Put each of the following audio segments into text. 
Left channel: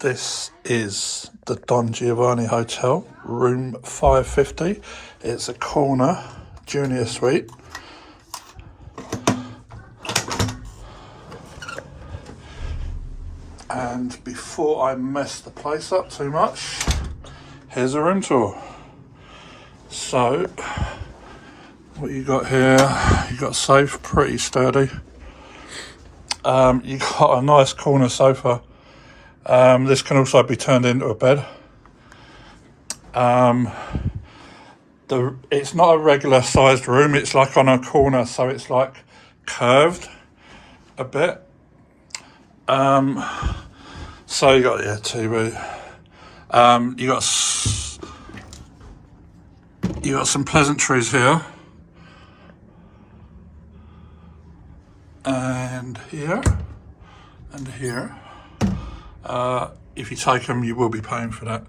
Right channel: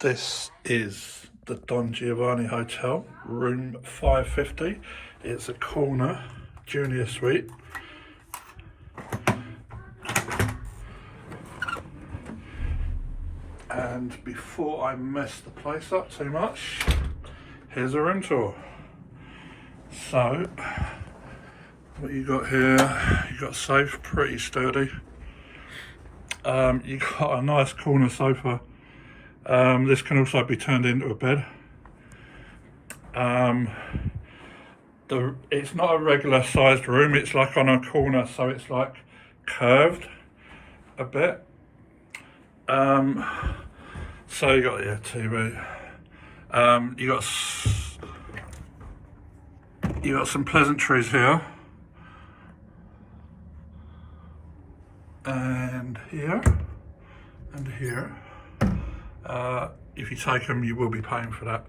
This is the Don Giovanni Hotel, room 550. It's a corner junior suite. And before I mess the place up too much, here's a room tour. So, what you got here, you got a safe, pretty sturdy. You got a nice corner sofa. This can also be turned into a bed. It's not a regular sized room, it's like on a corner, so it's like curved a bit. So you got your TV. You got some pleasantries here. And here, and here. If you take them, you will be paying for that.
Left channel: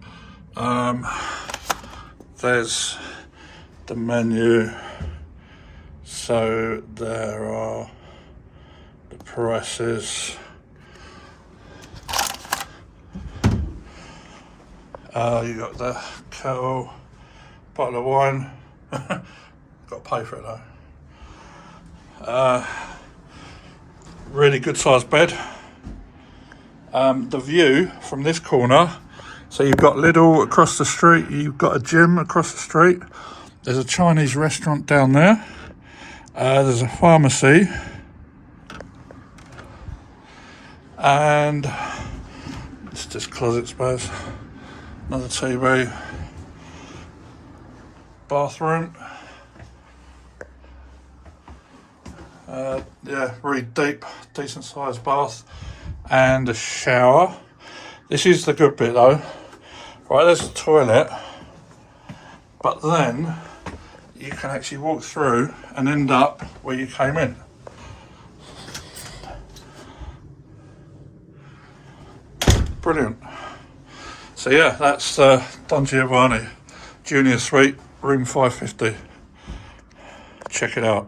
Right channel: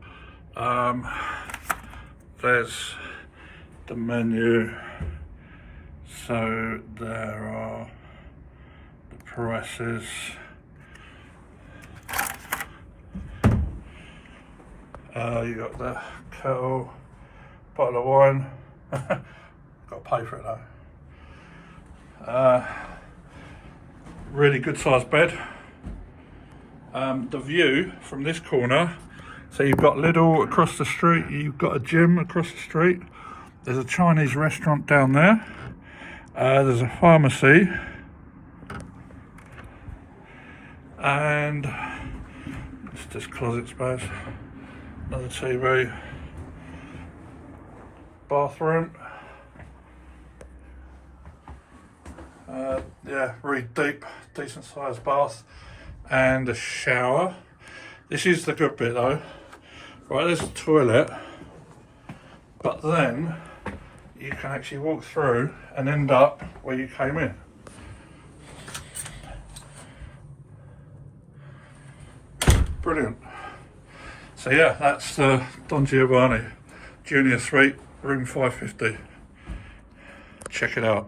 There's the menu. So there are the prices. You got the kettle, bottle of wine. Got to pay for it though. Really good sized bed. The view from this corner, so you've got Lidl across the street, you've got a gym across the street, there's a Chinese restaurant down there, there's a pharmacy, and it's just closet space, another TV, bathroom. Yeah, really deep, decent sized bath. And a shower. This is the good bit though. Right, there's a toilet, but then you can actually walk through and end up where you came in. Brilliant. So yeah, that's Don Giovanni Junior Suite, room 550. Check it out.